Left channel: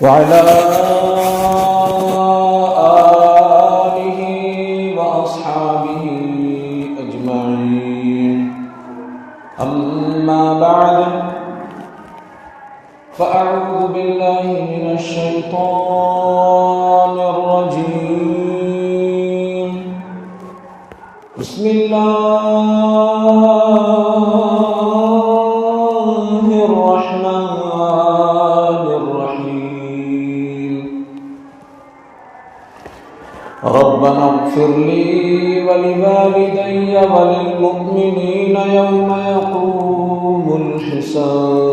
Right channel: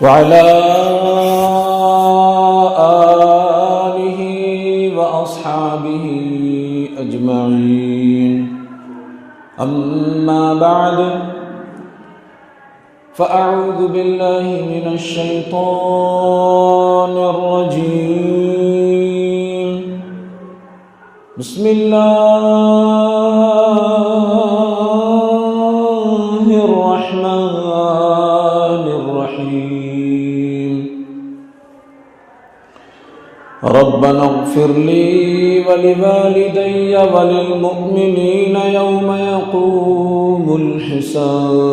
وعلى آله وأصحابه أجمعين أما بعد فأعوذ بالله من الشيطان الرجيم بسم الله الرحمن الرحيم ربنا اغفر لي ولوالدي وللمؤمنين يوم يقوم الحساب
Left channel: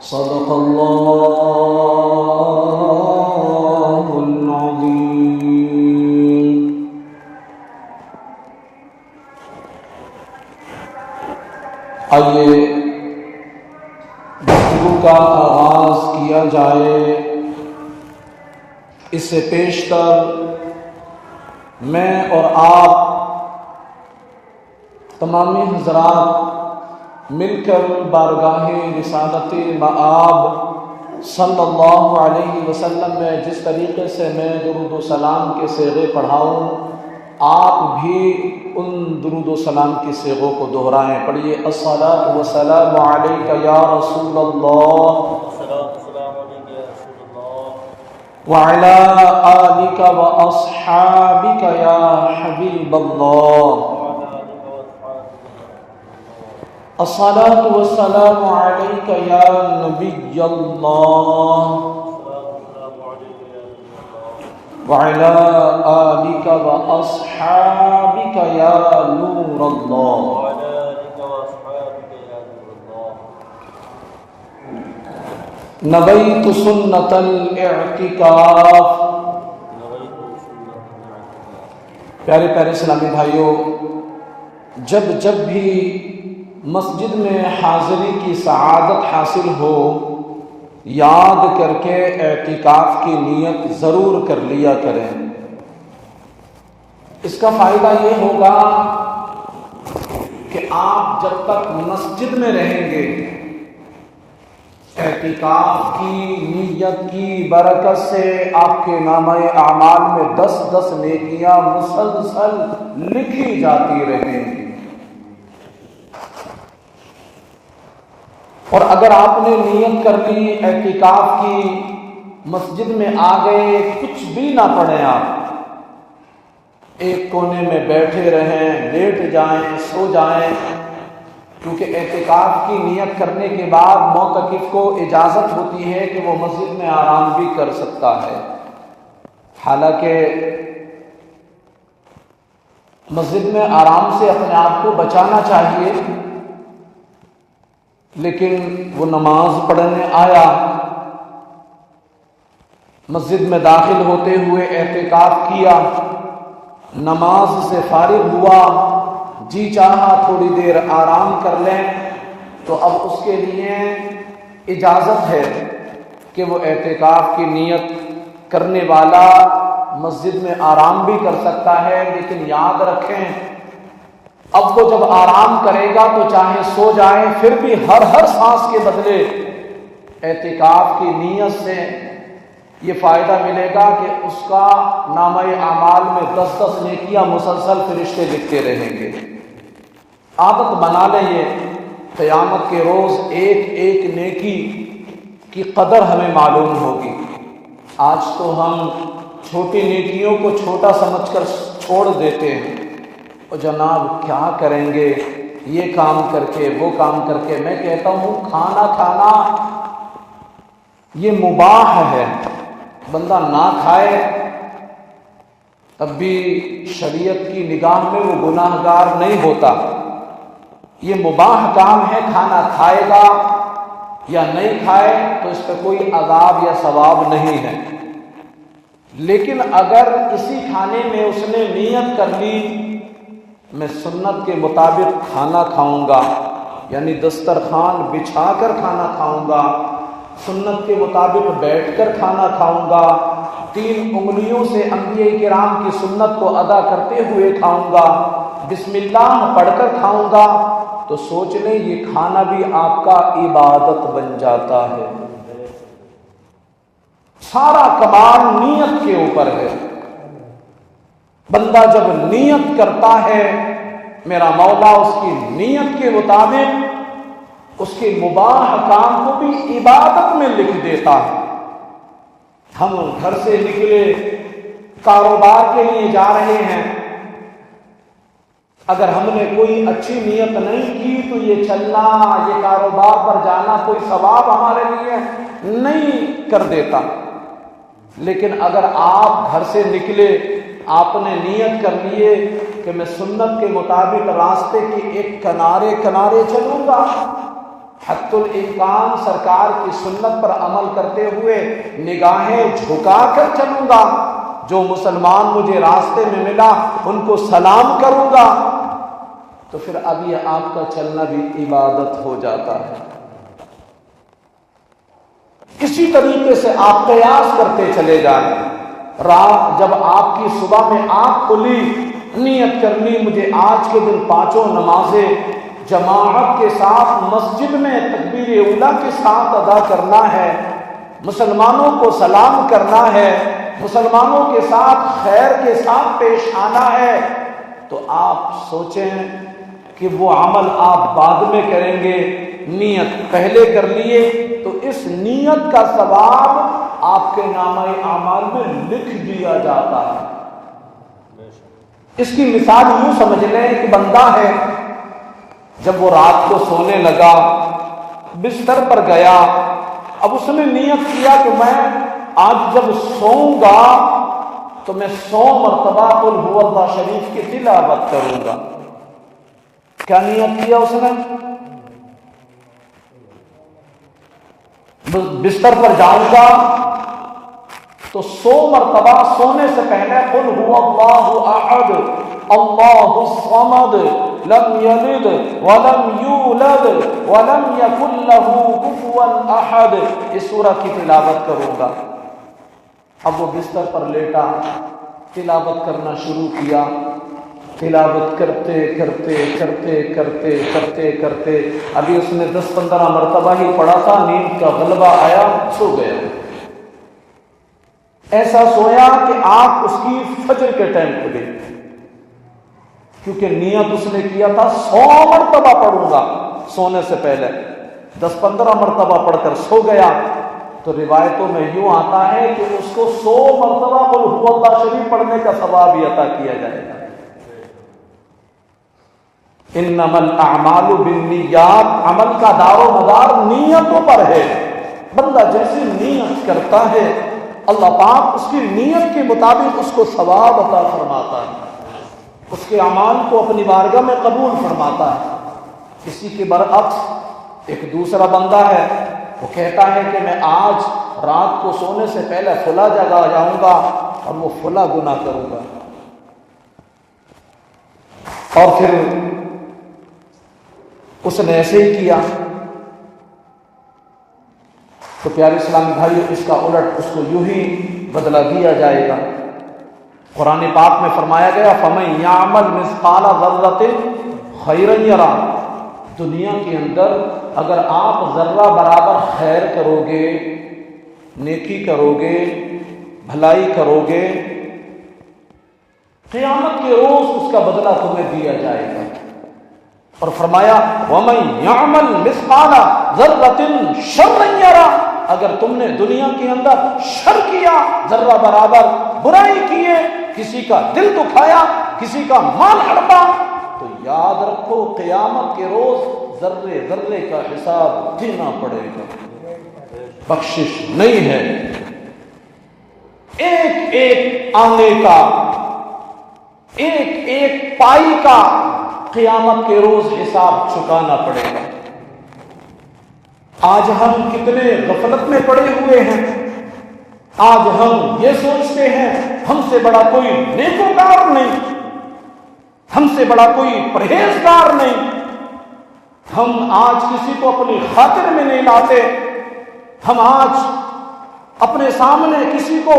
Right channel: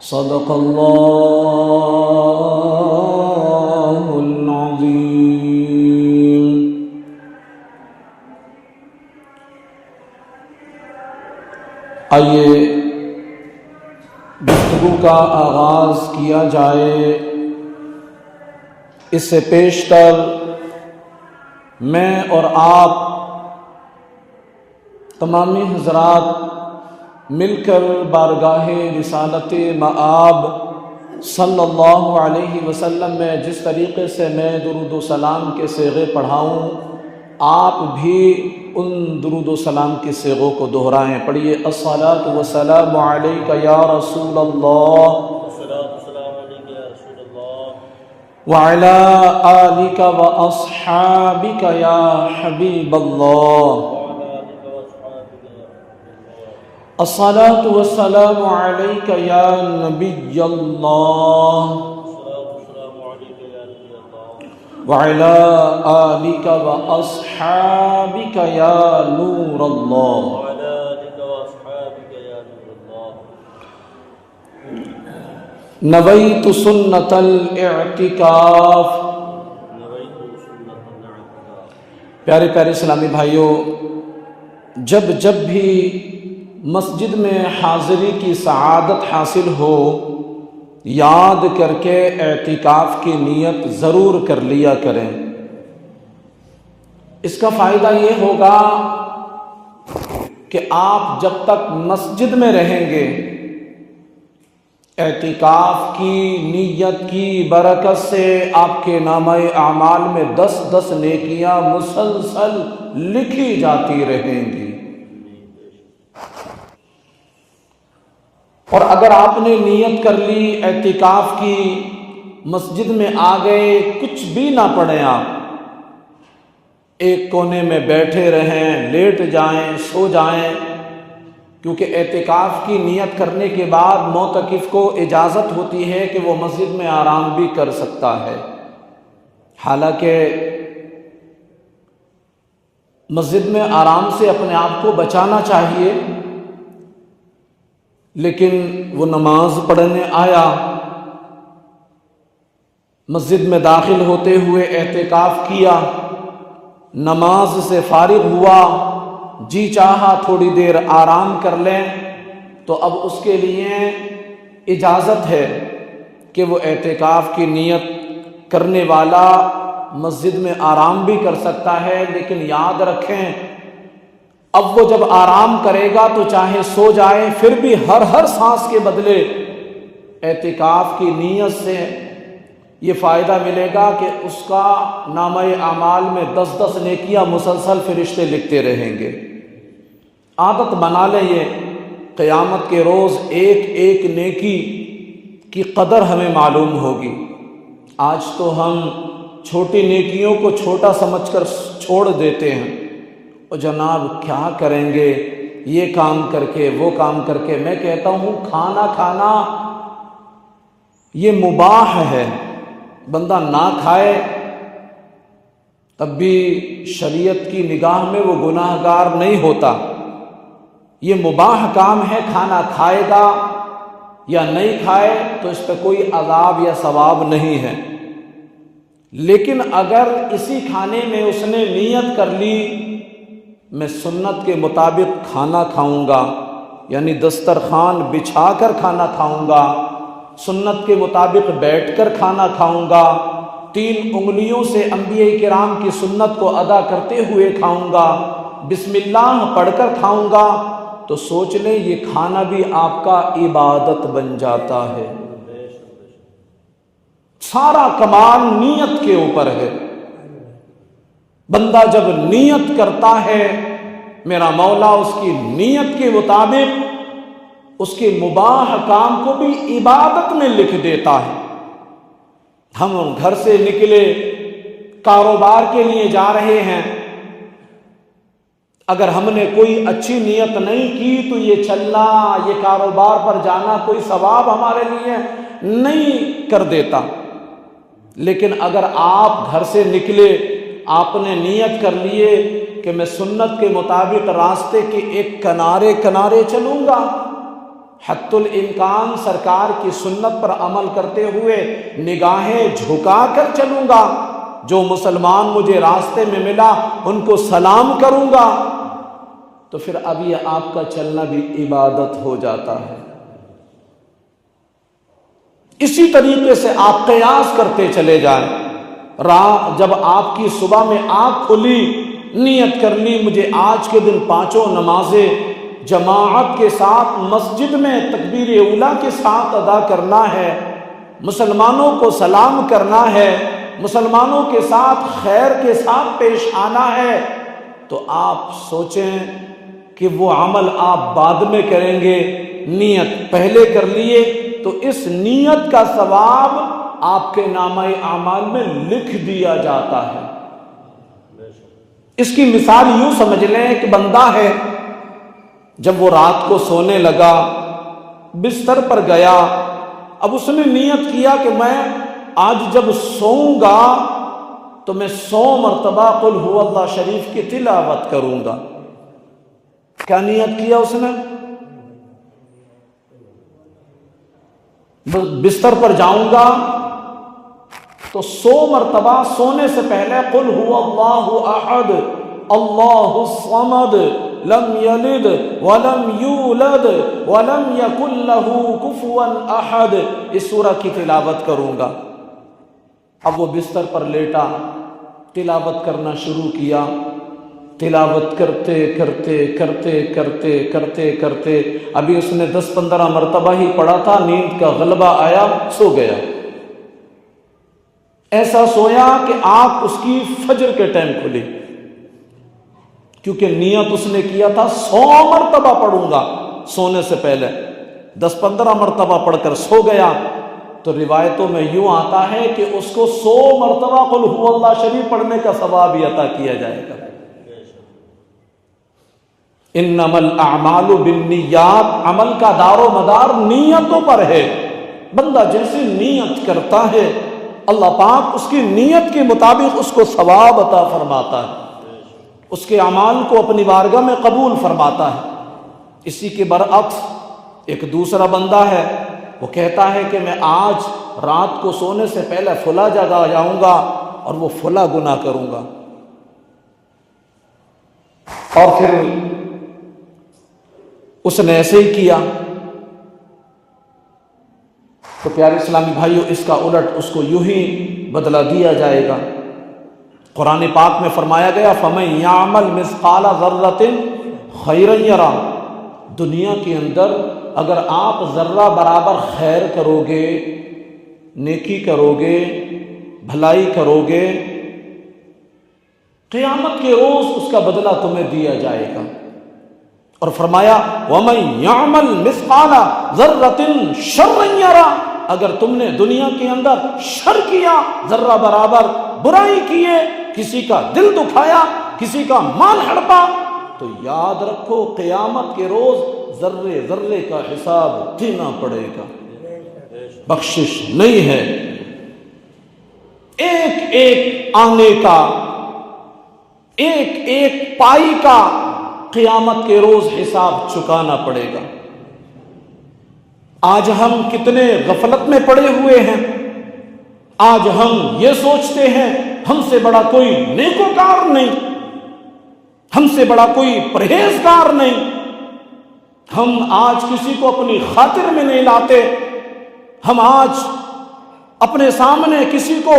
صدق الله العظيم. آئیے گفتگو کا آغاز کیا جائے. اس سے پیشتر میں اور آپ تمامی حضرات مل کر بارگاہ رسالت مآب صلی اللہ علیہ وسلم میں جس طریقے سے میں درود و سلام کے صیغے پڑھاؤں، آپ بھی ان درود و سلام کے صیغوں کو دہرائیں. پڑھیے الصلاۃ والسلام علیک یا رسول اللہ وعلی آلک واصحابک یا حبیب اللہ. الصلاۃ والسلام علیک یا نبی اللہ وعلی آلک واصحابک یا نور اللہ. نویت سنت الاعتکاف. پیارے پیارے اسلامی بھائیوں، جب بھی مسجد میں حاضری کی سعادت حاصل ہو، یاد کر کے اعتکاف کی نیت ضرور کر لیا کریں. اس کا فائدہ یہ ہوگا کہ آپ جب تک مسجد میں رہیں گے، اعتکاف کی نیت کی برکت سے آپ کے نامہ اعمال میں 10 نیکیاں مسلسل لکھی جاتی رہیں گی. اور اگر آپ نے نیت کر لی اعتکاف کی، مسجد میں آ گئے، کچھ بھی نہ پڑھیں، آپ ایک کونے میں بیٹھے رہیں، لیٹ جائیں، سو جائیں، کیونکہ اعتکاف کی نیت کرنے کے بعد معتکف کو اجازت ہوتی ہے کہ وہ مسجد میں آرام بھی کر سکتا ہے. حالانکہ مسجد میں آرام سے اپنے آپ کو بچانا چاہیے، لیکن وہ نماز پڑھنے آیا، مسجد میں داخل ہوتے ہوئے اعتکاف کیا، نماز سے فارغ ہوا، جی چاہا تھوڑی دیر آرام کر لیں، تو اب اس کے لیے اجازت ہے کہ وہ اعتکاف کی نیت کرنے والا مسجد میں آرام بھی کر سکتا ہے. لیکن یاد رکھیں، اب وہ جب آرام کرے گا تو چاہے سو جائے، پھر بھی ہر سانس کے بدلے اعتکاف کی نیت سے یہ فائدہ ملے گا کہ اس کا نامہ اعمال میں 10 نیکیاں مسلسل فرشتے لکھتے رہیں گے. عادت بنا لیں، یہ قیامت کے روز ایک نیکی کی قدر ہمیں معلوم ہوگی. آج تو ہم چھوٹی نیکیوں کو چھوٹا سمجھ کر چھوڑ دیتے ہیں، اور جناب کیا کریں گے یہ کام کر کے وہ کام کر کے. میں کہتا ہوں کھانا یہ مباح ہے، بندہ نہ کھائے تب بھی شریعت کی نگاہ میں وہ گناہ گار نہیں ہوتا. یہ مباح کام ہے، کھانا کھائے گا یا نہیں کھائے تو اس پہ کوئی عذاب یا ثواب نہیں ہے. لیکن اگر اسی کھانے میں اس نے نیت کر لی میں سنت کے مطابق کھانا کھاؤں گا، یعنی دسترخوان بچھا کر کھانا کھاؤں گا، سنت کے مطابق بیٹھ کر کھانا کھاؤں گا، 3 انگلیوں سے انبیاء کرام کی سنت کو ادا کرتے ہوئے کھاؤں گا، بسم اللہ پڑھ کر کھاؤں گا تو سوچ لیں یہ کھانا بھی آپ کا عبادت بن جاتا ہے۔ سارا کمال نیت کے اوپر ہے۔ بندہ جب نیت کرتا ہے میرا مولا اس کی نیت کے مطابق اس کے مباح کام کو بھی عبادت میں لکھ دیتا ہے۔ ہم گھر سے نکلے کاروبار کے لیے جا رہے ہیں، اگر ہم نے کوئی اچھی نیت نہیں کی تو یہ چلنا، یہ کاروبار پر جانا کوئی ثواب ہمارے لیے نہیں کر دیتا۔ لیکن اگر آپ گھر سے نکلے، آپ نے نیت کر لیے کہ میں سنت کے مطابق راستے کے ایک کنارے کنارے چلوں گا، حتی الامکان سرکار کی سنت پر عمل کرتے ہوئے نگاہیں جھکا کر چلوں گا، جو مسلمان مجھے راستے میں ملا ان کو سلام کروں گا، تو پھر اب یہ آپ کا چلنا بھی عبادت ہو جاتا ہے۔ اسی طریقے سے آپ قیاس کرتے چلے جائیں۔ رات جب آپ کی صبح میں آنکھ کھلی، نیت کر لی مجھے آج کے دن 5 نمازیں جماعت کے ساتھ مسجد میں تکبیر اولیٰ کے ساتھ ادا کرنا ہے، مسلمانوں کو سلام کرنا ہے، مسلمانوں کے ساتھ خیر کے ساتھ پیش آنا ہے، تو آپ سوچیں کہ وہ عمل آپ بعد میں کریں گے، نیت پہلے کر لیے تو اس نیت کا ثواب آپ کے نامہ اعمال میں لکھ دیا جاتا ہے۔ اس کی مثال یوں سمجھ لیں، ایک بندہ ہے جب وہ رات کو سونے لگا، بستر پر گیا، اب اس نے نیت کیا کہ میں آج جب سوؤں گا تو میں 100 مرتبہ قل هو اللہ شریف کی تلاوت کروں گا۔ کیا نیت کیا اس نے؟ بستر پر جاؤں گا تو 100 مرتبہ سونے سے پہلے قل هو اللہ احد اللہ الصمد لم یلد ولم یولد ولم یکن له کفوا احد اس سورہ کی تلاوت کروں گا۔ اب وہ بستر پر لیٹا، تلاوت کرنا شروع کیا، تلاوت کرتے کرتے کرتے کرتے کرتے کرتے ابھی اس نے 10-15 مرتبہ ہی پڑھا تھا، نیند کا غلبہ آیا، سو گیا۔ ایسا سویا کہ آنکھ اس کی فجر کے ٹائم کھلی، کیونکہ نیت اس نے کیا تھا 100 مرتبہ پڑھوں گا سونے سے پہلے، 10-15 مرتبہ پڑھ کر سو گیا۔ تو روایتوں میں یوں آتا ہے کہ اس کو 100 مرتبہ قل هو اللہ شریف پڑھنے کا ثواب بھی عطا کیا جائے گا۔ انما الاعمال بالنیات، عمل کا دار و مدار نیتوں پر ہے۔ بندہ جیسے نیت کرتا ہے اللہ پاک اس کی نیت کے مطابق اس کو ثواب عطا فرماتا ہے، اس کے اعمال کو اپنی بارگاہ میں قبول فرماتا ہے۔ اسی کے برعکس ایک دوسرا بندہ ہے، وہ کہتا ہے کہ میں آج رات کو سونے سے پہلے فلاں جگہ جاؤں گا اور وہ فلاں گناہ کروں گا، اور پھر اس نے ایسے ہی کیا۔ تو پیارے اسلامی بھائیو، اس کا الٹ اس کو یوں ہی بدلہ دیا جائے گا۔ قرآن پاک میں فرمایا گیا فَمَن يَعْمَلْ مِثْقَالَ ذَرَّةٍ خَيْرًا يَرَهُ، دنیا کے اندر اگر آپ ذرہ برابر خیر کرو گے، نیکی کرو گے، بھلائی کرو گے، قیامت کے روز اس کا بدلہ تمہیں دیا جائے گا۔ اور فرمایا وَمَن يَعْمَلْ مِثْقَالَ ذَرَّةٍ شَرًّا يَرَهُ، اگر تم نے دنیا کے اندر شر کیا، ذرہ برابر برائی کیے، کسی کا دل دکھایا، کسی کا مال ہڑپا، تو یاد رکھو قیامت کے روز ذرے ذرے کا حساب دینا پڑے گا، بخشش نہیں ہے۔ ایک ایک آنے کا، ایک ایک پائی کا قیامت کے روز حساب چکانا پڑے گا۔ آج ہم کتنے غفلت میں پڑے ہوئے ہیں، آج ہم یہ سوچتے ہیں ہم سے بڑا کوئی نیکوکار نہیں، ہم سے بڑا کوئی پرہیزگار نہیں، ہم آج کسی کو اپنی خاطر میں نہیں لاتے، ہم آج اپنے سامنے کسی کو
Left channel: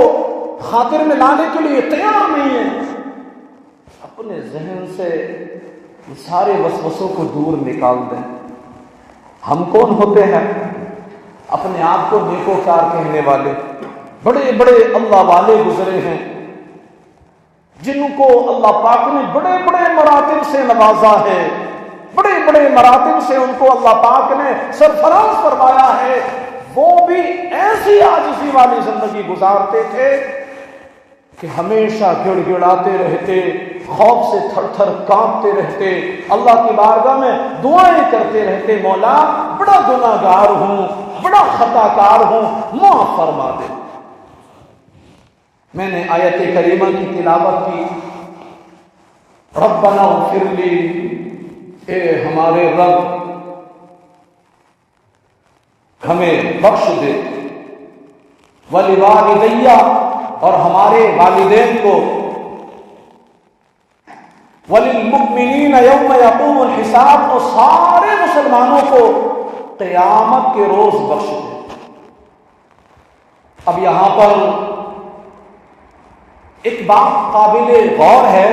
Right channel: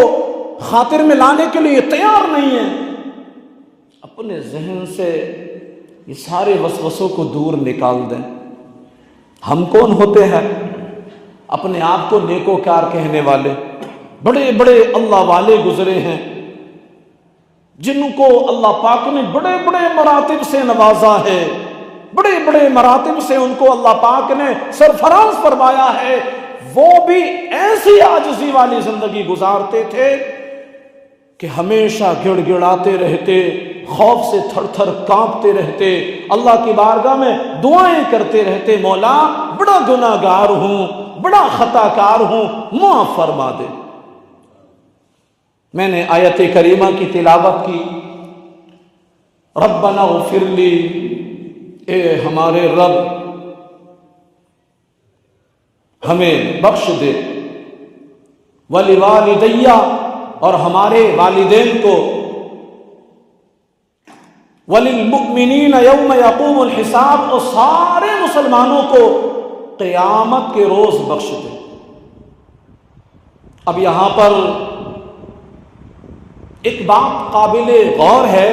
خاطر میں لانے کے لیے تیار نہیں ہیں۔ اپنے ذہن سے یہ سارے وسوسوں کو دور نکال دیں۔ ہم کون ہوتے ہیں اپنے آپ کو نیکوکار کہنے والے؟ بڑے بڑے اللہ والے گزرے ہیں جن کو اللہ پاک نے بڑے بڑے مراتب سے نوازا ہے، بڑے بڑے مراتب سے ان کو اللہ پاک نے سرفراز فرمایا ہے، وہ بھی ایسی عاجزی والی زندگی گزارتے تھے کہ ہمیشہ گڑ گڑاتے رہتے، خوف سے تھر تھر کانپتے رہتے، اللہ کی بارگاہ میں دعائیں کرتے رہتے، مولا بڑا گناہ گار ہوں، بڑا خطا کار ہوں، معاف فرما دے۔ میں نے آیت کریمہ کی تلاوت کی، ربنا اغفر لی، اے ہمارے رب ہمیں بخش دے، وَلِوَالِدَيَّ اور ہمارے والدین کو، وَلِلْمُؤْمِنِينَ يَوْمَ يَقُومُ الْحِسَابُ اور سارے مسلمانوں کو قیامت کے روز بخش دے۔ اب یہاں پر ایک بات قابل غور ہے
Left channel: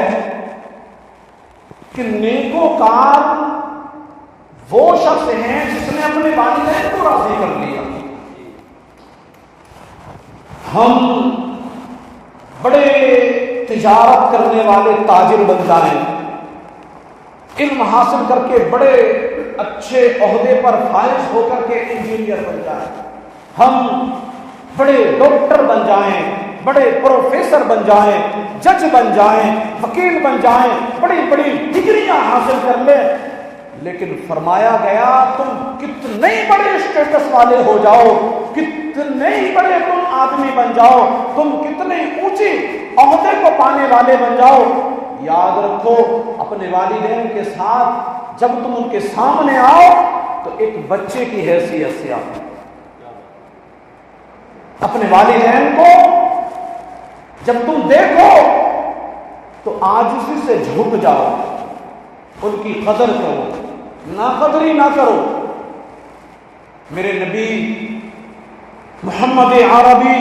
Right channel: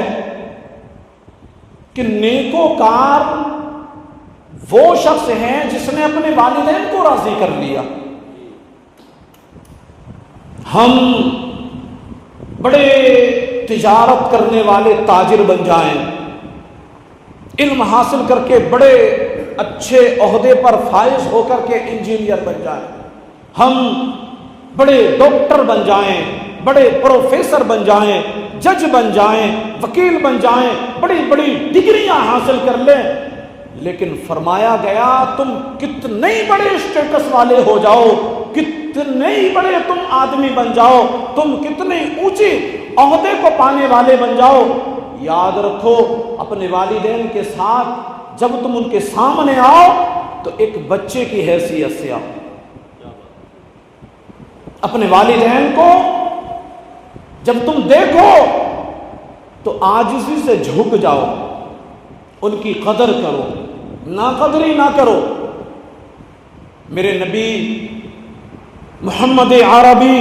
کہ نیکوکار وہ شخص ہیں جس نے اپنے والدین کو راضی کر لیا۔ ہم بڑے تجارت کرنے والے تاجر بن جائیں، علم حاصل کر کے بڑے اچھے عہدے پر فائز ہو کر کے انجینئر بن جائیں، ہم بڑے ڈاکٹر بن جائیں، بڑے پروفیسر بن جائیں، جج بن جائیں، وکیل بن جائیں، بڑی بڑی ڈگریاں حاصل کر لیں، لیکن فرمایا گیا تم کتنے بڑے اسٹیٹس والے ہو جاؤ، کتنے بڑے تم آدمی بن جاؤ، تم کتنے اونچے عہدے کو پانے والے بن جاؤ، یاد رکھو اپنے والدین کے ساتھ جب تم ان کے سامنے آؤ تو ایک بچے کی حیثیت سے آؤ۔ اپنے والدین کو جب تم دیکھو تو عاجزی سے جھک جاؤ، ان کی قدر کرو، ناقدری نہ کرو۔ میرے نبی محمد عربی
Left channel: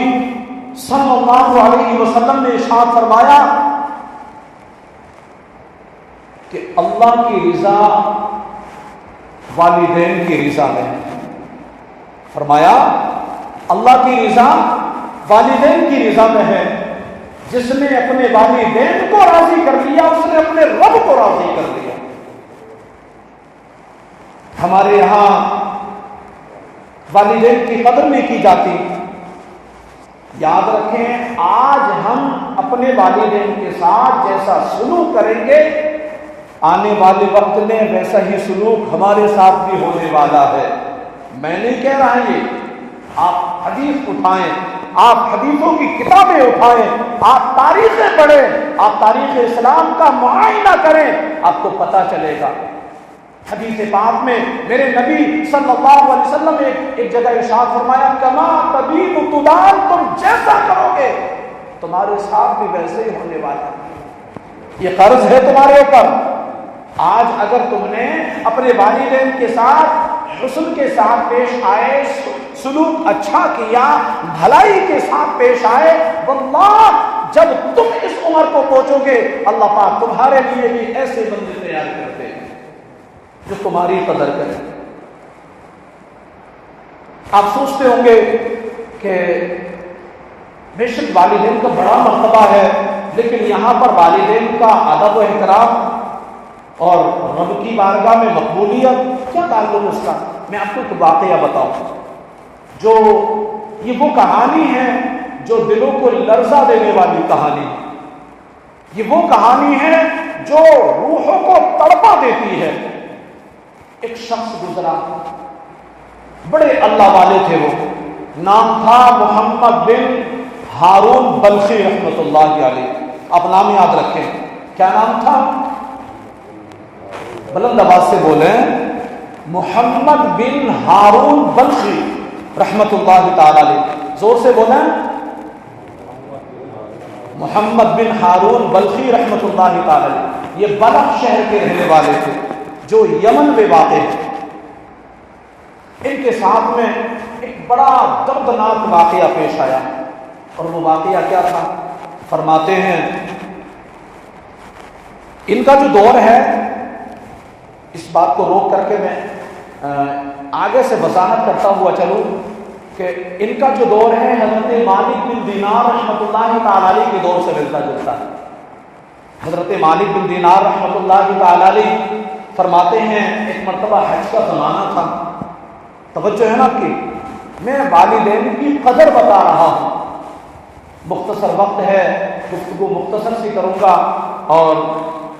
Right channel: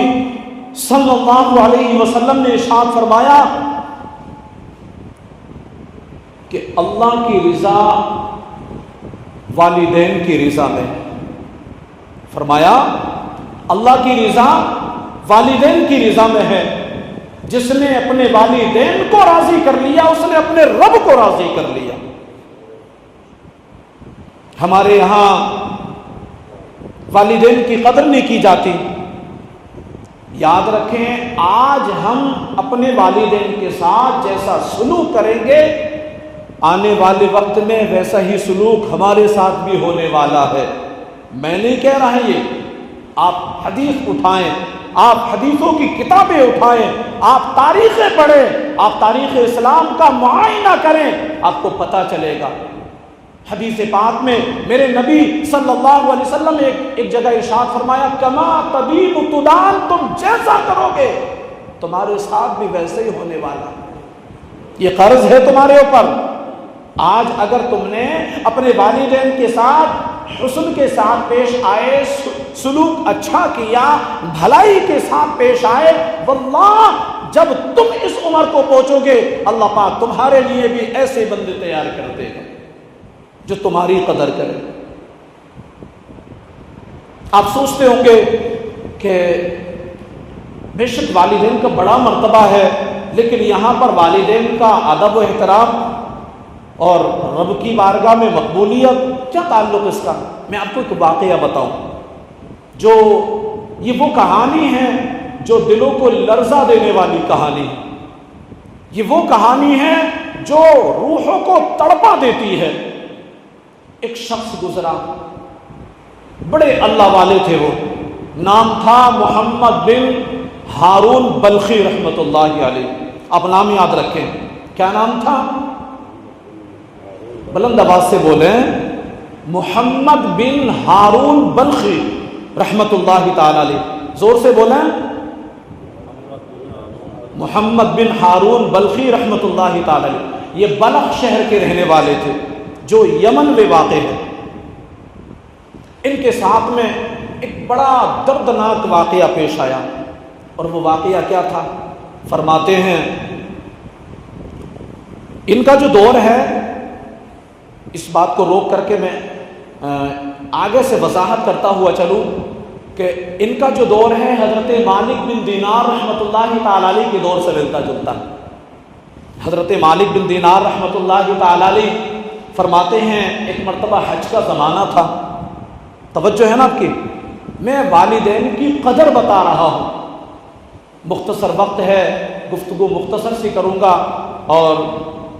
صلی اللہ علیہ وسلم نے ارشاد فرمایا کہ اللہ کی رضا والدین کی رضا میں، فرمایا اللہ کی رضا والدین کی رضا میں ہے، جس نے اپنے والدین کو راضی کر لیا اس نے اپنے رب کو راضی کر لیا۔ ہمارے یہاں والدین کی قدر نہیں کی جاتی۔ یاد رکھیں آج ہم اپنے والدین کے ساتھ جیسا سلوک کریں گے آنے والے وقت میں ویسا ہی سلوک ہمارے ساتھ بھی ہونے والا ہے۔ میں نہیں کہہ رہا یہ، آپ حدیث اٹھائیں، آپ حدیثوں کی کتابیں اٹھائیں، آپ تاریخیں پڑھیں، آپ تاریخ اسلام کا معائنہ کریں، آپ کو پتہ چلے گا۔ حدیث پاک میں میرے نبی صلی اللہ علیہ وسلم نے ایک جگہ ارشاد فرمایا کما تدین تدان، تم جیسا کرو گے تمہارے ساتھ بھی ویسے ہی ہونے والا ہے، یہ قرض ہے تمہارے اوپر۔ آج اگر تم نے اپنے والدین کے ساتھ حسن کے ساتھ پیش آئے، سلوک اچھا کیا، بھلائی کے ساتھ پیش آئے، واللہ جب تم اس عمر کو پہنچو گے اللہ پاک تمہارے لیے بھی ایسے بندے تیار کر دے گا جو تمہاری قدر کرے۔ آپ سوچتے ہوں گے کہ بے شک والدین کا بڑا مرتبہ ہے، لیکن یہاں پر والدین کا ادب و احترام اور رب کی بارگاہ میں مقبولیت کیا تعلق اس کا؟ میں آپ کو ایک واقعہ بتاؤں جو یہ وہ کہانی ہے جو دلوں کو لرزہ دینے والی کہانی، یہ وہ کہانی ہے جو روحوں کو تڑپا دیتی ہے۔ ایک شخص گزرا، بڑے اللہ والے تھے، وہ نام تھا محمد بن ہارون بلخی رحمۃ اللہ علیہ۔ آپ نام یاد رکھیں، کیا نام تھا؟ بلند آواز سے بولیں، محمد بن ہارون بلخی رحمۃ اللہ تعالی علیہ، زور سے بولیں، محمد بن ہارون بلخی رحمۃ اللہ تعالی علیہ۔ یہ بلخ شہر کے رہنے والے تھے جو یمن میں واقع ہے۔ ان کے ساتھ میں ایک بڑا دردناک واقعہ پیش آیا، اور وہ واقعہ کیا تھا؟ فرماتے ہیں ان کا جو دور ہے اس بات کو روک کر کے میں آگے سے وضاحت کرتا ہوا چلوں کہ ان کا جو دور ہے حضرت مالک بن دینار رحمۃ اللہ تعالی علیہ کے دور سے ملتا جلتا ہے۔ حضرت مالک بن دینار رحمۃ اللہ تعالی علیہ فرماتے ہیں ایک مرتبہ حج کا زمانہ تھا، توجہ ہے نا آپ کی، میں والدین کی قدر بتا رہا ہوں، مختصر وقت ہے، گفتگو مختصر سی کروں گا اور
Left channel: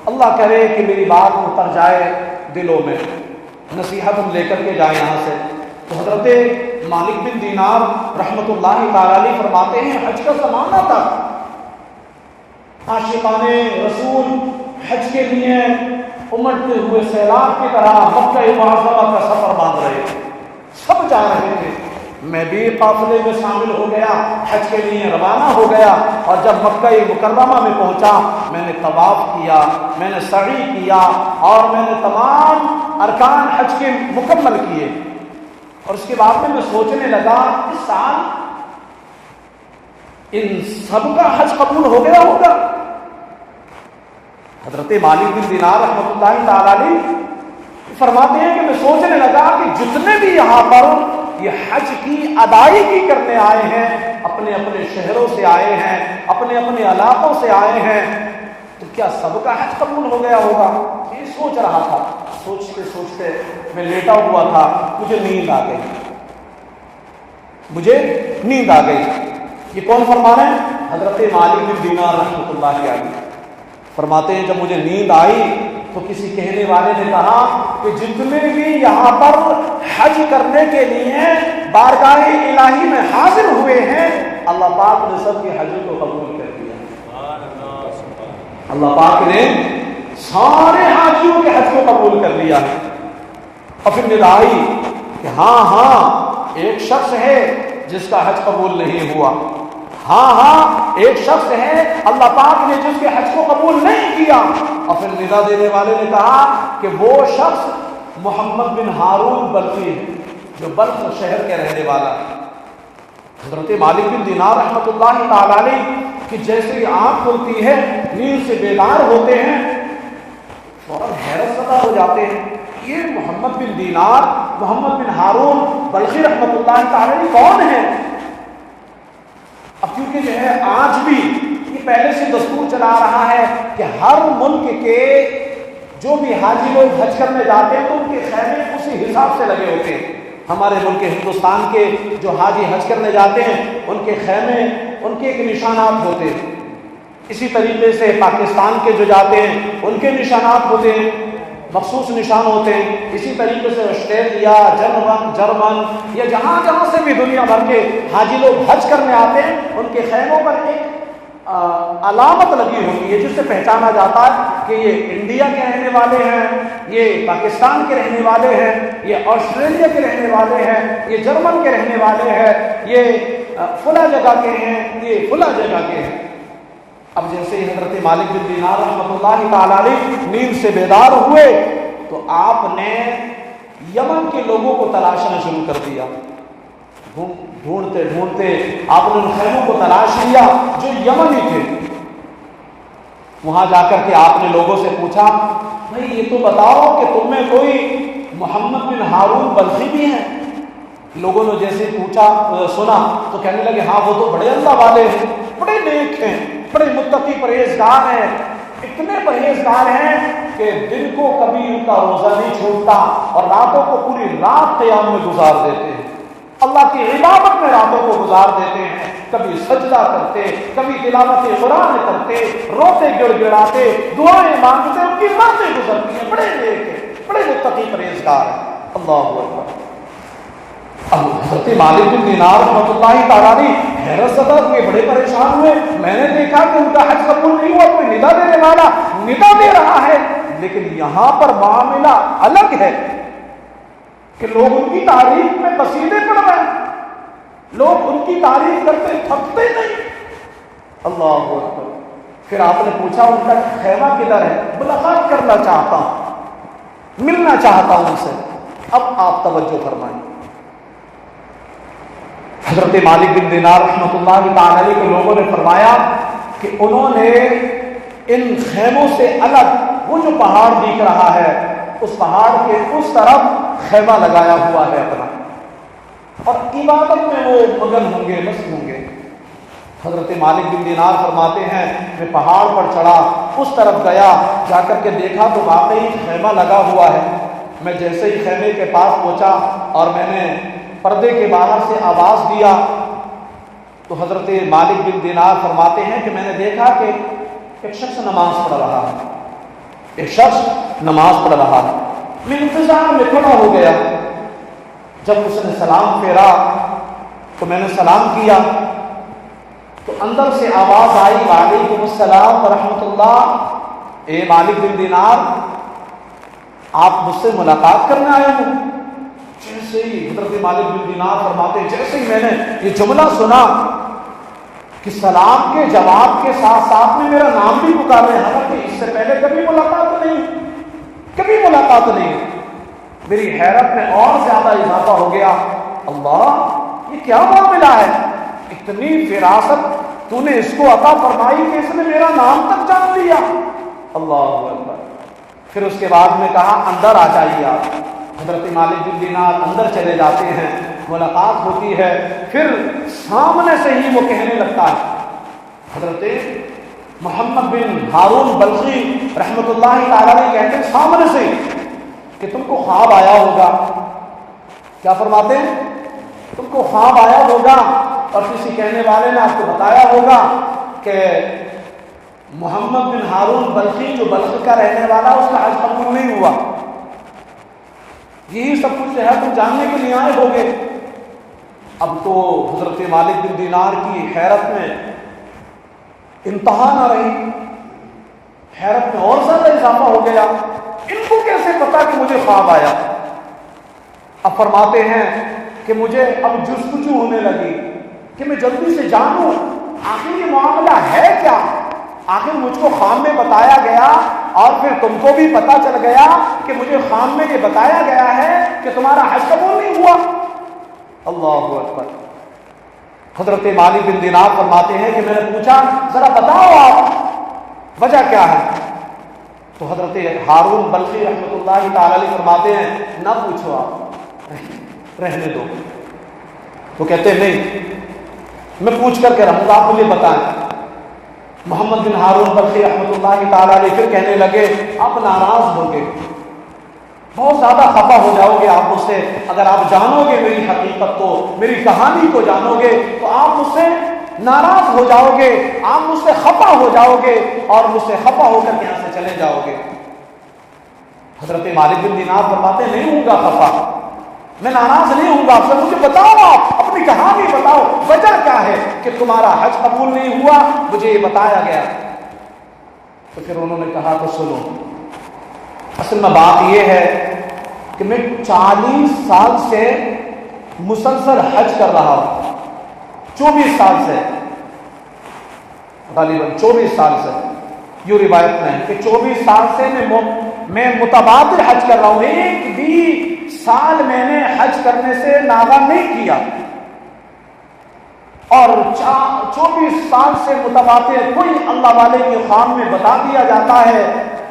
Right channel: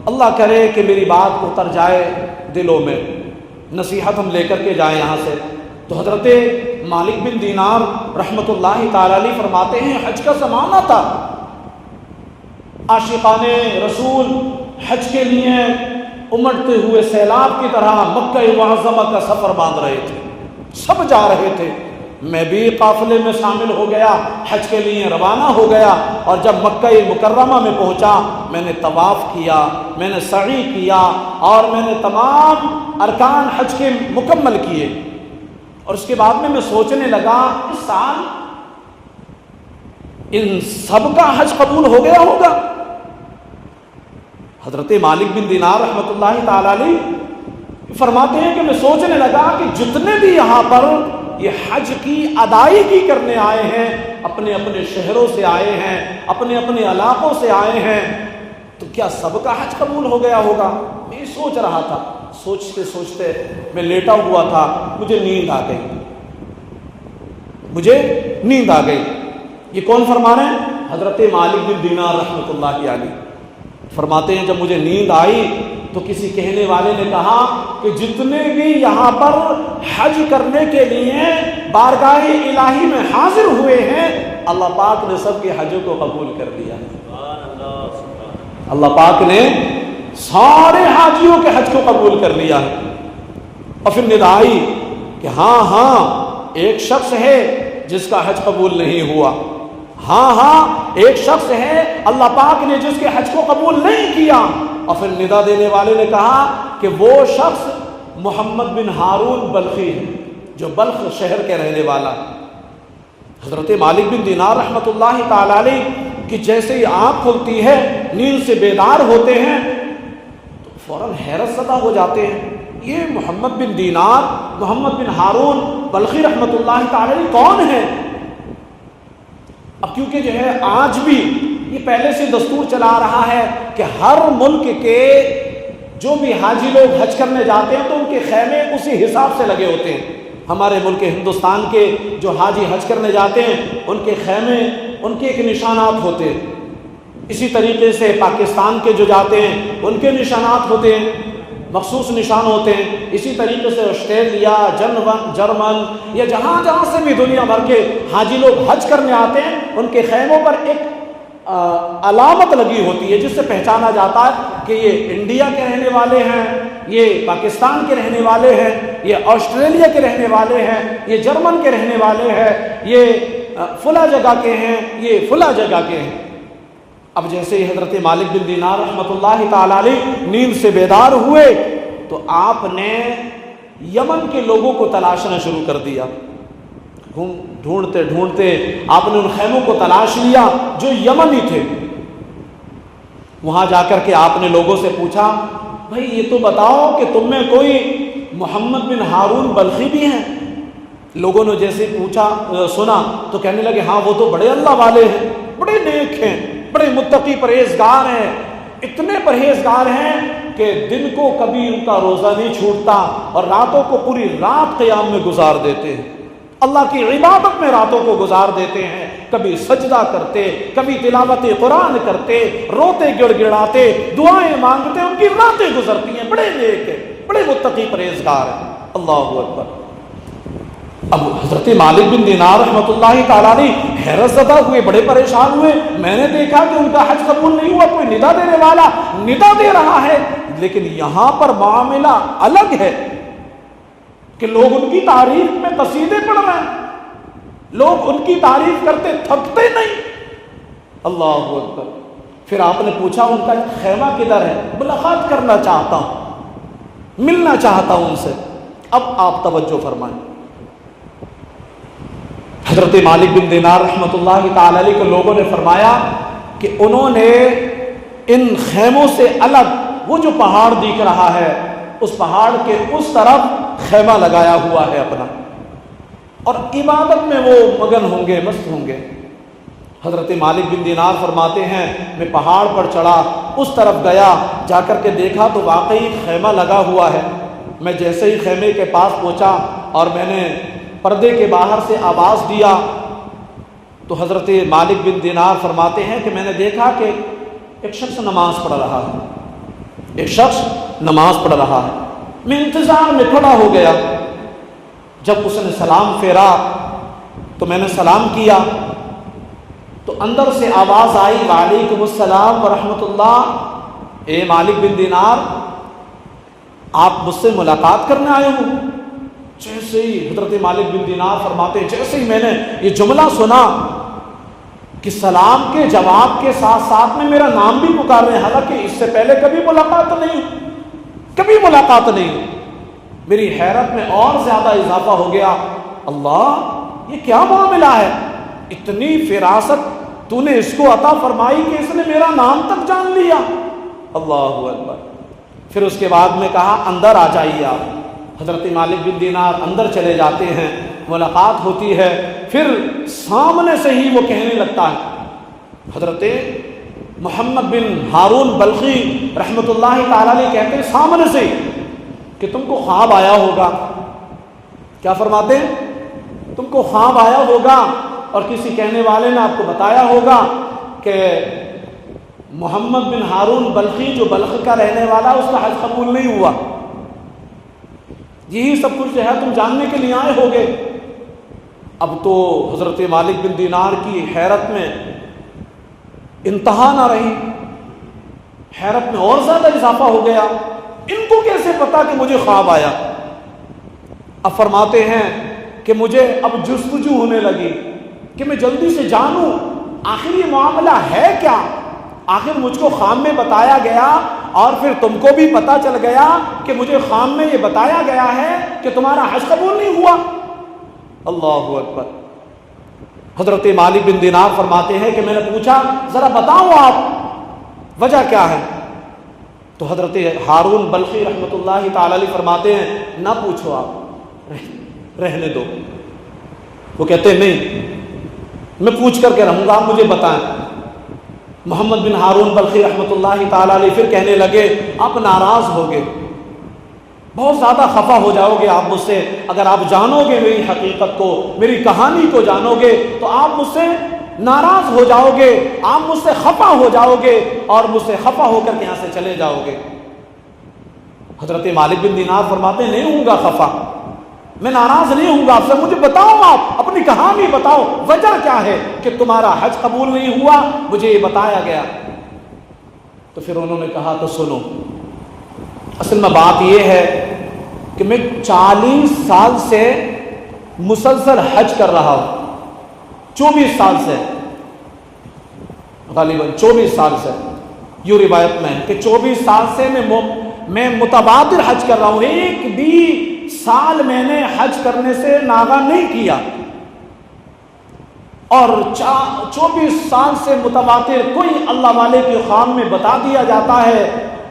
اللہ کرے کہ میری بات اتر جائے دلوں میں، نصیحت ہم لے کر کے جائیں یہاں سے۔ تو حضرت مالک بن دینار رحمۃ اللہ تعالی علیہ فرماتے ہیں حج کا زمانہ تھا، عاشقان رسول حج کے لیے امڑتے ہوئے سیلاب کی طرح مکہ معظمہ کا سفر باندھ رہے تھے، سب جا رہے تھے، میں بھی قافلے میں شامل ہو گیا، حج کے لیے روانہ ہو گیا، اور جب مکہ مکرمہ میں پہنچا میں نے طواف کیا، میں نے سعی کیا اور میں نے تمام ارکان حج کے مکمل کیے، اور اس کے بعد میں سوچنے لگا اس سال ان سب کا حج قبول ہو گیا ہوگا۔ حضرت مالک بن دینار رحمۃ اللہ تعالی علیہ فرماتے ہیں کہ میں سوچنے لگا کہ جتنے بھی یہاں پر یہ حج کی ادائیگی کرنے آئے ہیں، اپنے اپنے شہروں سے آئے ہیں، اپنے اپنے علاقوں سے آئے ہیں، تو کیا سب کا حج قبول ہو گیا ہوگا؟ یہ سوچ رہا تھا، سوچتے سوچتے میں لیٹا ہوا تھا، مجھے نیند آ گئی، یہ کون فرمانا ہے؟ حضرت مالک بن دینار رحمۃ اللہ علیہ فرماتے ہیں جب مجھے نیند آئی تو کسی کہنے والے نے کہا کہ جتنے بھی یہاں پر حج کرنے کے لیے بارگاہ الہی میں حاضر ہوئے ہیں، اللہ پاک نے سب کے حجوں کو قبول کر دیا۔ اللہ پاک نے سارے حاجیوں کے حج کو قبول کر لیا ہے۔ اور پھر ندا آئی کہ ہاں ایک شخص ہے جس کا حج قبول نہیں ہوا، ہاں ایک شخص ہے اللہ پاک نے جس کے حج کو قبول نہیں کیا۔ اور پھر ندا دینے والے نے کہا کہ وہ شخص محمد بن ہارون بلخی ہے جو بلخ شہر کے رہنے والا ہے۔ حضرت مالک بن دینار رحمۃ اللہ تعالی علیہ کہ جیسے ہی آنکھ کھلتی ہے نیند سے بیدار ہوتے ہیں فوراً حیرت زدہ ہو جاتے ہیں، یہ محمد بن دینار محمد بن ہارون بلخی رحمۃ اللہ تعالی علیہ کون ہے؟ اب کیونکہ جو ہے آج بھی یہ پہلے سے دستور چلا رہا ہے کہ ہر ملک کے جو بھی حاجی لوگ حج کرنے جاتے ہیں تو ان کے خیمے اسی حساب سے لگے ہوتے ہیں۔ ہمارے ملک ہندوستان کے جو حاجی حج کرنے جاتے ہیں ان کے خیمے ان کے ایک نشانات ہوتے ہیں، اسی طریقے سے پاکستان کے جو جاتے ہیں ان کے نشانات ہوتے ہیں، مخصوص نشان ہوتے ہیں، اسی طریقے سے آسٹریلیا، جرمن یا جہاں سے بھی دنیا بھر کے حاجی لوگ حج کرنے آتے ہیں ان کے خیموں پر ایک علامت لگی ہوتی ہے جس سے پہچانا جاتا ہے کہ یہ انڈیا کے رہنے والے ہیں، یہ پاکستان کے رہنے والے ہیں، یہ آسٹریلیا کے رہنے والے ہیں، یہ جرمن کے رہنے والے ہیں، یہ فلاں جگہ کے ہیں، یہ فلاں جگہ کے ہیں۔ اب جیسے ہی حضرت مالک بن دینار رحمۃ اللہ تعالی علیہ نیند سے بیدار ہوئے تو آپ نے یمن کے لوگوں کو تلاشنا شروع کر دیا، ڈھونڈتے ڈھونڈتے آپ نے ان خیموں کو تلاش لیا جو یمنی تھے۔ وہاں جا کر کے آپ نے لوگوں سے پوچھا بھائی یہ تو بتاؤ کہ تم میں کوئی محمد بن ہارون بلخی بھی ہیں؟ لوگوں نے جیسے پوچھا سنا تو کہنے لگے ہاں وہ تو بڑے اللہ والے ہیں، بڑے نیک ہیں، بڑے متقی پرہیزگار ہیں، اتنے پرہیزگار ہیں کہ دن کو کبھی ان کا روزہ نہیں چھوٹتا اور راتوں کو پوری رات قیام میں گزار دیتے ہیں، اللہ کی عبادت میں راتوں کو گزار دیتے ہیں، کبھی سجدہ کرتے، کبھی تلاوت قرآن کرتے، روتے گڑ گڑاتے، دعائیں مانگتے، ان کی راتیں گزرتی ہیں، بڑے نیک ہیں، بڑے متقی پرہیزگار ہیں۔ اللہ اکبر۔ اب حضرت مالک بن دینار رحمۃ اللہ تعالی علیہ حیرت زدہ ہوئے، بڑے پریشان ہوئے، میں نے دیکھا کہ ان کا حج قبول نہیں ہوا، کوئی ندا دینے والا ندا دے رہا ہے، لیکن یہاں پر معاملہ الگ ہے کہ لوگ ان کی تعریف میں قصیدے پڑھ رہے ہیں، لوگ ان کی تعریف کرتے تھکتے نہیں۔ اللہ اکبر۔ پھر آپ نے پوچھا ان کا خیمہ کدھر ہے؟ ملاقات کرنا چاہتا ہوں، ملنا چاہتا ہوں ان سے۔ اب آپ توجہ فرمائیں، حضرت مالک بن دینار رحمۃ اللہ تعالی علیہ کے لوگوں نے فرمایا کہ انہوں نے ان خیموں سے الگ وہ جو پہاڑ دکھ رہا ہے اس پہاڑ کے اس طرف خیمہ لگایا ہوا ہے اپنا، اور عبادت میں وہ مگن ہوں گے، مست ہوں گے۔ حضرت مالک بن دینار فرماتے ہیں میں پہاڑ پر چڑھا، اس طرف گیا، جا کر کے دیکھا تو واقعی خیمہ لگا ہوا ہے۔ میں جیسے ہی خیمے کے پاس پہنچا اور میں نے پردے کے باہر سے آواز دیا تو حضرت مالک بن دینار فرماتے ہیں کہ میں نے دیکھا کہ ایک شخص نماز پڑھ رہا ہے، ایک شخص نماز پڑھ رہا ہے۔ میں انتظار میں کھڑا ہو گیا، جب اس نے سلام پھیرا تو میں نے سلام کیا تو اندر سے آواز آئی وعلیکم السلام ورحمۃ اللہ، اے مالک بن دینار آپ مجھ سے ملاقات کرنے آئے ہو؟ جیسے ہی حضرت مالک بن دینار فرماتے ہیں جیسے ہی میں نے یہ جملہ سنا کہ سلام کے جواب کے ساتھ ساتھ میں میرا نام بھی پکارے، حالانکہ اس سے پہلے کبھی ملاقات نہیں، میری حیرت میں اور زیادہ اضافہ ہو گیا۔ اللہ یہ کیا معاملہ ہے، اتنی فراست تو نے اس کو عطا فرمائی کہ اس نے میرا نام تک جان لیا۔ اللہ اکبر۔ پھر اس کے بعد میں کہا اندر آ جائیے آپ۔ حضرت مالک بن دینار اندر چلے جاتے ہیں، ملاقات ہوتی ہے، پھر سامنے سے ہی وہ کہنے لگتا ہے، حضرت محمد بن ہارون بلخی رحمۃ اللہ تعالیٰ نے کہتے ہیں سامنے سے کہ تم کو خواب آیا ہوگا۔ کیا فرماتے ہیں؟ تم کو خواب آیا ہوگا اور کسی کہنے والے نے آپ کو بتایا ہوگا کہ محمد بن ہارون بلخی جو بلخ کا رہنے والا اس کا حج قبول نہیں ہوا۔ یہی سب کچھ ہے، تم جاننے کے لیے آئے ہوگے۔ اب تو حضرت مالک بن دینار کی حیرت میں انتہا نہ رہی، حیرت میں اور زیادہ اضافہ ہو گیا، ان کو کیسے پتا کہ مجھے خواب آیا؟ اب فرماتے ہیں کہ مجھے اب جستجو ہونے لگی کہ میں جلدی سے جانوں آخر یہ معاملہ ہے کیا، آخر مجھ کو خواب میں بتایا گیا اور پھر تم کو بھی پتا چل گیا کہ مجھے خواب میں یہ بتایا گیا ہے کہ تمہارا حج قبول نہیں ہوا۔ اللہ اکبر۔ حضرت مالک بن دینار فرماتے ہیں کہ میں نے پوچھا ذرا بتاؤ آپ وجہ کیا ہے؟ تو حضرت ہارون بلخی رحمۃ اللہ تعالی علیہ فرماتے ہیں نہ پوچھو، آپ رہنے دو۔ وہ کہتے ہیں نہیں میں پوچھ کر کے رہوں گا، آپ مجھے بتائیں۔ محمد بن ہارون بلخی رحمۃ اللہ تعالی علیہ پھر کہنے لگے آپ ناراض ہوگے، بہت زیادہ خفا ہو جاؤ گے آپ مجھ سے، اگر آپ جانو گے میری حقیقت کو، میری کہانی کو جانو گے تو آپ مجھ سے ناراض ہو جاؤ گے، آپ مجھ سے خفا ہو جاؤ گے اور مجھ سے خفا ہو کر یہاں سے چلے جاؤ گے۔ حضرت مالک بن دینار فرماتے نہیں ہوں گا خفا، میں ناراض نہیں ہوں گا آپ سے، مجھے بتاؤ، آپ اپنی کہانی بتاؤ، وجہ کیا ہے کہ تمہارا حج قبول نہیں ہوا، مجھے یہ بتایا گیا۔ تو پھر انہوں نے کہا تو سنو، اصل میں بات یہ ہے کہ میں 40 سال سے مسلسل حج کر رہا ہوں، 24 سال سے، غالباً 24 سال سے، یہ روایت میں ہے کہ 24 سال سے میں متبادل حج کر رہا ہوں، ایک بھی سال میں نے حج کرنے سے ناغہ نہیں کیا، اور 24 سال سے متبادل کوئی اللہ والے کے خواب میں بتا دیا جاتا ہے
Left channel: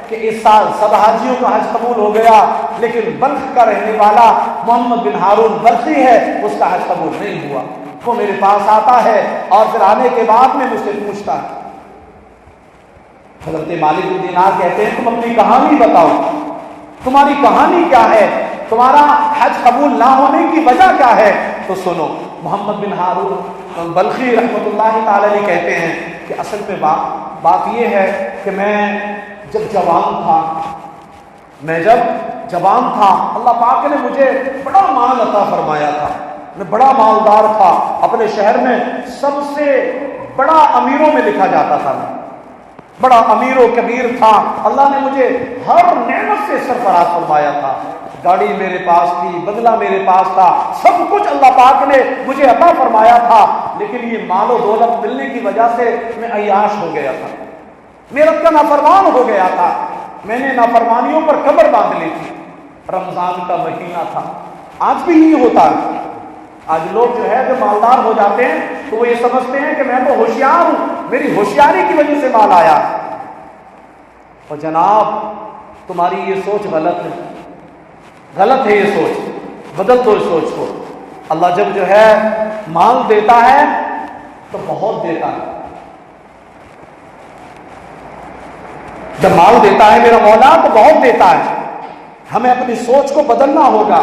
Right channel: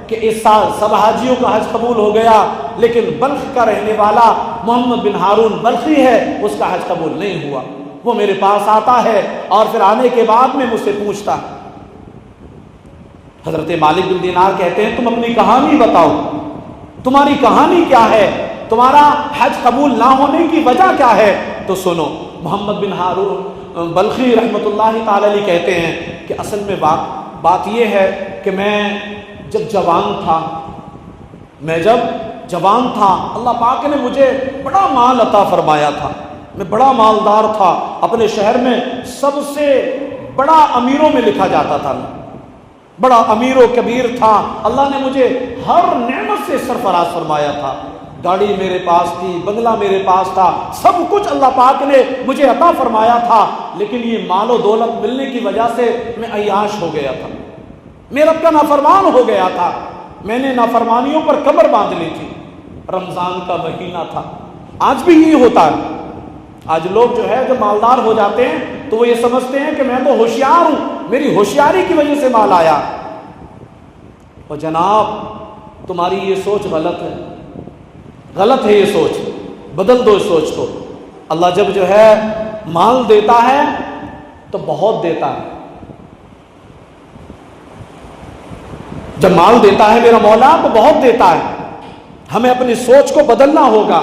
کہ اس سال سب حاجیوں کا حج قبول ہو گیا، لیکن بلخ کا رہنے والا محمد بن ہارون بلخی ہے اس کا حج قبول نہیں ہوا۔ وہ میرے پاس آتا ہے اور پھر آنے کے بعد میں مجھ سے پوچھتا ہے۔ حضرت مالک بن دینار کہتے ہیں تم اپنی کہانی بتاؤ، تمہاری کہانی کیا ہے، تمہارا حج قبول نہ ہونے کی وجہ کیا ہے؟ تو سنو، محمد بن ہارون بلخی رحمۃ اللہ تعالی علیہ کہتے ہیں کہ اصل میں بات یہ ہے کہ میں جب جوان تھا اللہ پاک نے مجھے بڑا مال عطا فرمایا تھا، میں بڑا مالدار تھا، اپنے شہر میں سب سے بڑا امیروں میں لکھا جاتا تھا، بڑا امیر و کبیر تھا، اللہ نے مجھے ہر نعمت سے سرفراز فرمایا تھا، گاڑی میرے پاس تھی، بنگلہ میرے پاس تھا، سب کچھ اللہ پاک نے مجھے عطا فرمایا تھا، لیکن یہ مال و دولت ملنے کی وجہ سے میں عیاش ہو گیا تھا، میرا کا نافرمان ہو گیا تھا، میں نے نافرمانیوں پر کمر باندھ لی تھی۔ رمضان کا مہینہ تھا، آج بھی یہ ہوتا ہے، آج لوگ جو ہے جو مالدار ہو جاتے ہیں تو وہ یہ سمجھتے ہیں کہ میں تو ہوشیار ہوں، میری ہوشیاری کی وجہ سے مال آیا، اور جناب تمہاری یہ سوچ غلط ہے۔ غلط ہے یہ سوچ، بدل دو اس سوچ کو۔ اللہ جب جو ہے مال دیتا ہے تو بہت دیتا ہے، جب مال دیتا ہے میرا مولا تو بہت دیتا ہے، ہمیں اپنی سوچ کو بدلنا ہوگا۔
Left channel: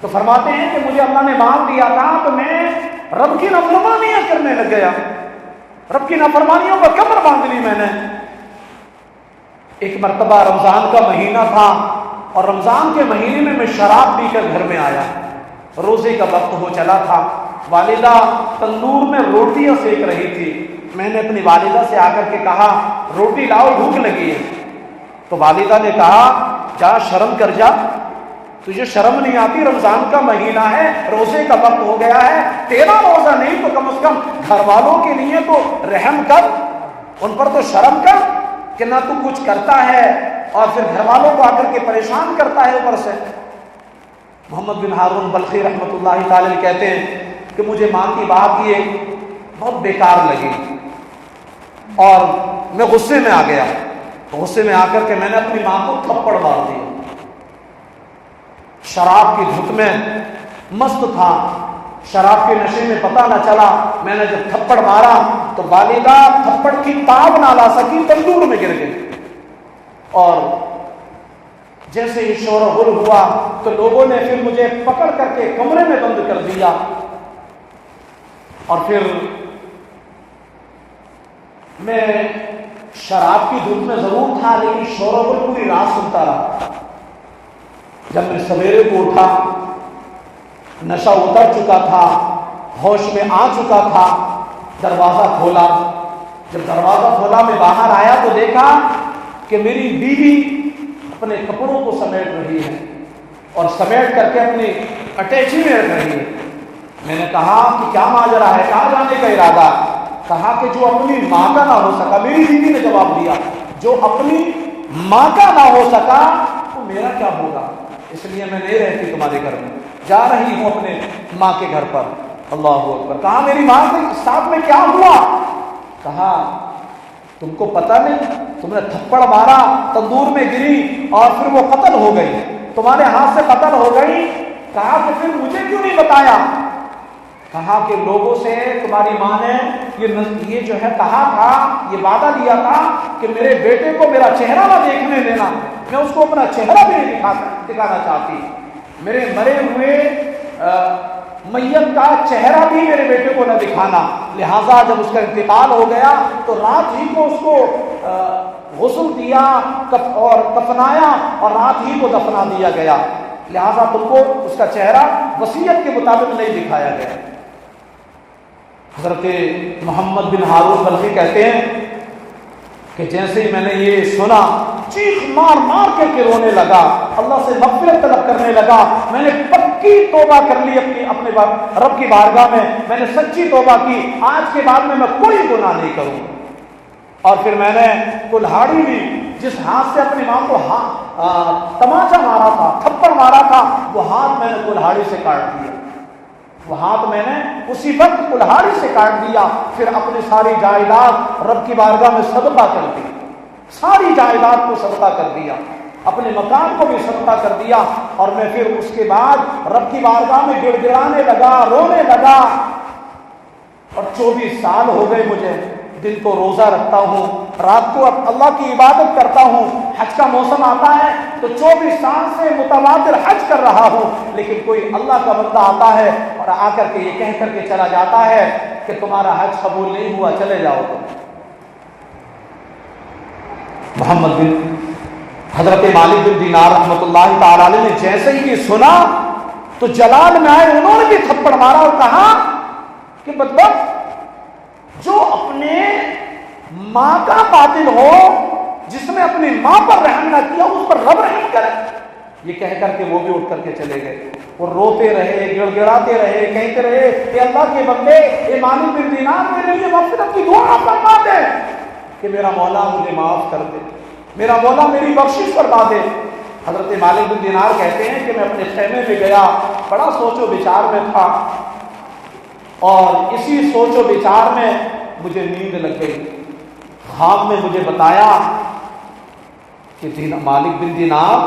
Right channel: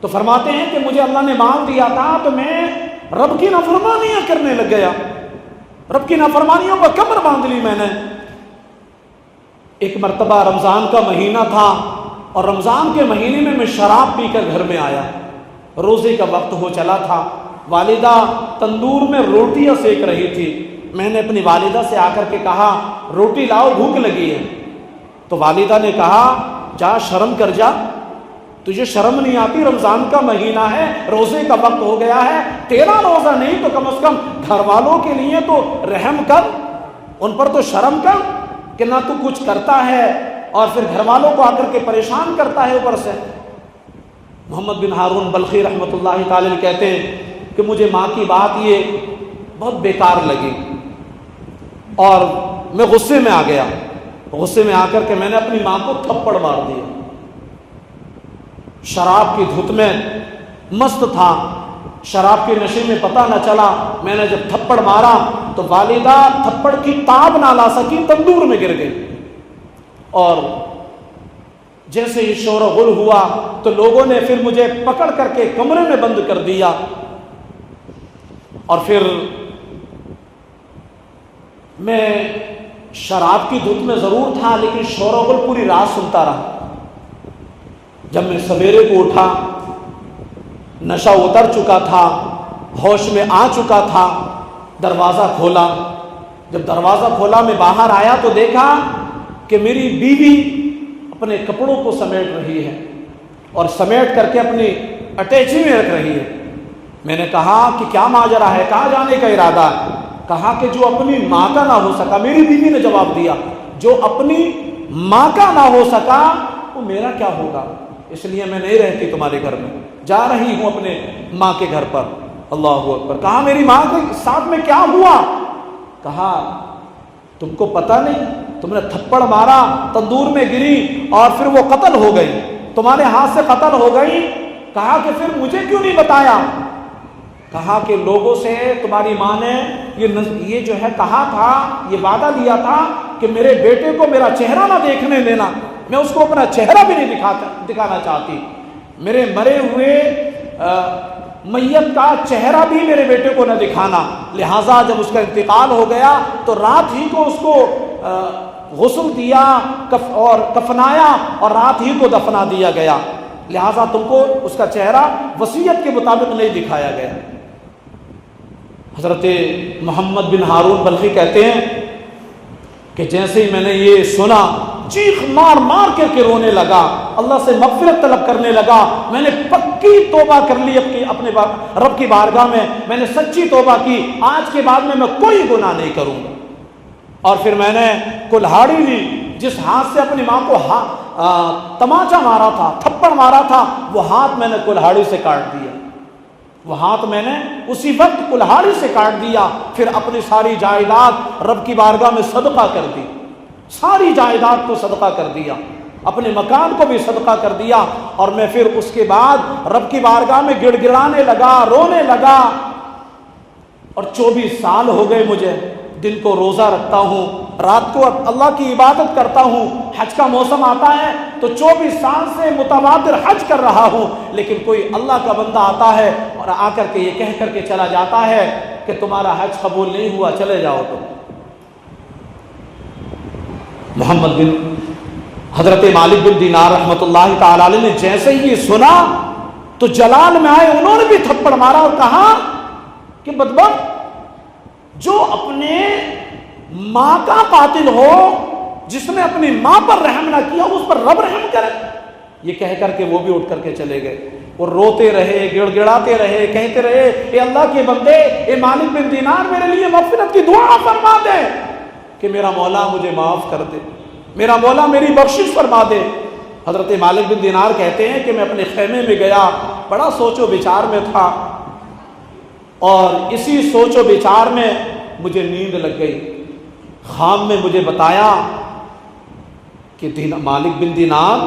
تو فرماتے ہیں کہ مجھے اللہ نے مال دیا تھا تو میں رب کی نافرمانیاں کرنے لگ گیا، رب کی نافرمانیوں کا کمر باندھ لی میں نے۔ ایک مرتبہ رمضان کا مہینہ تھا اور رمضان کے مہینے میں میں شراب پی کر گھر میں آیا، روزے کا وقت ہو چلا تھا، والدہ تندور میں روٹیاں سیک رہی تھی۔ میں نے اپنی والدہ سے آ کر کے کہا روٹی لاؤ، بھوک لگی ہے۔ تو والدہ نے کہا جا شرم کر جا، تجھے شرم نہیں آتی؟ رمضان کا مہینہ ہے، روزے کا وقت ہو گیا ہے، تیرا روزہ نہیں تو کم از کم گھر والوں کے لیے تو رحم کر، ان پر تو شرم کر کہ نہ تو کچھ کرتا ہے اور پھر گھر والوں کو آ کر کے پریشان کرتا ہے اوپر سے۔ محمد بن ہارون بلخی رحمۃ اللہ تعالی کہتے ہیں کہ مجھے ماں کی بات یہ بہت بیکار لگی اور میں غصے میں آ گیا، غصے میں آ کر کے میں نے اپنی ماں کو تھپڑ مار دیا۔ شراب کی دھت میں مست تھا، شراب کے نشے میں پتہ نہ چلا، میں نے جب تھپڑ مارا تو والدہ تھپڑ کی تاب نہ لا سکی، تندور میں گر گئی۔ اور جیسے یہ شور و غل ہوا تو لوگوں نے پھر مجھے پکڑ کر کے کمرے میں بند کر دیا، اور پھر میں شراب کی دھت میں ضرور تھا لیکن شور و غل پوری رات سنتا رہا۔ جب میں سویرے کو اٹھا، نشہ اتر چکا تھا، ہوش میں آ چکا تھا، دروازہ کھولا۔ جب دروازہ کھولا میں باہر آیا تو دیکھا کہ میری بیوی اپنے کپڑوں کو سمیٹ رہی ہے اور سمیٹ کر کے اپنی اٹیچی میں رکھ رہی ہے۔ میں نے کہا کہ کیا ماجرا ہے، کہاں جانے کا ارادہ؟ کہا کہ جو اپنی ماں کا نہ ہو سکا، میری بیوی نے جواب دیا جو اپنی ماں کا نہ ہو سکا وہ میرا کیا ہوگا، اس لیے میں نہیں رہتی تمہارے گھر میں، جا رہی ہوں اپنے ماں کے گھر پر۔ اللہ اکبر۔ کہا میری ماں کے ساتھ میں کیا ہوا؟ کہا تم کو پتہ نہیں، تم نے تھپڑ مارا، تندور میں گری اور پھر وہ قتل ہو گئی، تمہارے ہاتھ سے قتل ہو گئی۔ کہا کہ پھر مجھے کیوں نہیں بتایا؟ کہا کہ لوگوں سے تمہاری ماں نے یہ جو ہے کہا تھا، یہ وعدہ لیا تھا کہ میرے بیٹے کو میرا چہرہ نہ دیکھنے دینا، میں اس کو اپنا چہرہ بھی نہیں دکھانا چاہتی، میرے مرے ہوئے میت کا چہرہ بھی میرے بیٹے کو نہ دکھانا۔ لہٰذا جب اس کا انتقال ہو گیا تو رات ہی کو اس کو غسل دیا اور کفنایا اور رات ہی کو دفنا دیا گیا، لہٰذا تم کو اس کا چہرہ وصیت کے مطابق نہیں دکھایا گیا۔ حضرت محمد بن ہارون بلخی کہتے ہیں کہ جیسے ہی میں نے یہ سنا چیخ مار مار کر کے رونے لگا، اللہ سے مغفرت طلب کرنے لگا۔ میں نے پکی توبہ کر لی اپنے رب کی بارگاہ میں نے سچی توبہ کی، آج کے بعد میں کوئی گناہ نہیں کروں۔ اور پھر میں نے کلہاڑی لی، جس ہاتھ سے اپنی ماں کو تماچا مارا تھا، تھپڑ مارا تھا، وہ ہاتھ میں نے کلہاڑی سے کاٹ دیا، وہ ہاتھ میں نے اسی وقت کلہاڑی سے کاٹ دیا۔ پھر اپنی ساری جائیداد رب کی بارگاہ میں صدقہ کر دی، ساری جائیداد کو صدقہ کر دیا، اپنے مکان کو بھی صدقہ کر دیا، اور میں پھر اس کے بعد رب کی بارگاہ میں گڑ گڑانے لگا، رونے لگا۔ اور 24 سال ہو گئے مجھے، دن کو روزہ رکھتا ہوں، رات کو اللہ کی عبادت کرتا ہوں، حج کا موسم آتا ہے تو 24 سال سے متواتر حج کر رہا ہوں، لیکن کوئی اللہ کا بندہ آتا ہے اور آ کر کے یہ کہہ کر کے چلا جاتا ہے کہ تمہارا حج قبول نہیں ہوا، چلے جاؤ۔ محمد بن حضرت مالک بن دینار رحمۃ اللہ تعالی علیہ نے جیسے ہی یہ سنا تو جلال میں آئے، انہوں نے بھی تھپڑ مارا اور کہا کہ بدبخت، جو اپنے ماں کا قاتل ہو، جس نے اپنی ماں پر رحم نہ کیا، اس پر رب رحم کرے۔ یہ کہہ کر کے وہ بھی اٹھ کر کے چلے گئے، اور روتے رہے، گڑ گڑاتے رہے، کہتے رہے اے اللہ کے بندے، اے مالک بن دینار میرے لیے مغفرت کی دعا فرما دے کہ میرا مولا مجھے معاف کر دے، میرا مولا میری بخشش فرما دے۔ حضرت مالک بن دینار کہتے ہیں کہ میں اپنے خیمے میں گیا، بڑا سوچ و بچار میں تھا، اور اسی سوچ و بچار میں مجھے نیند لگ گئی۔ خواب میں مجھے بتایا کہ مالک بن دینار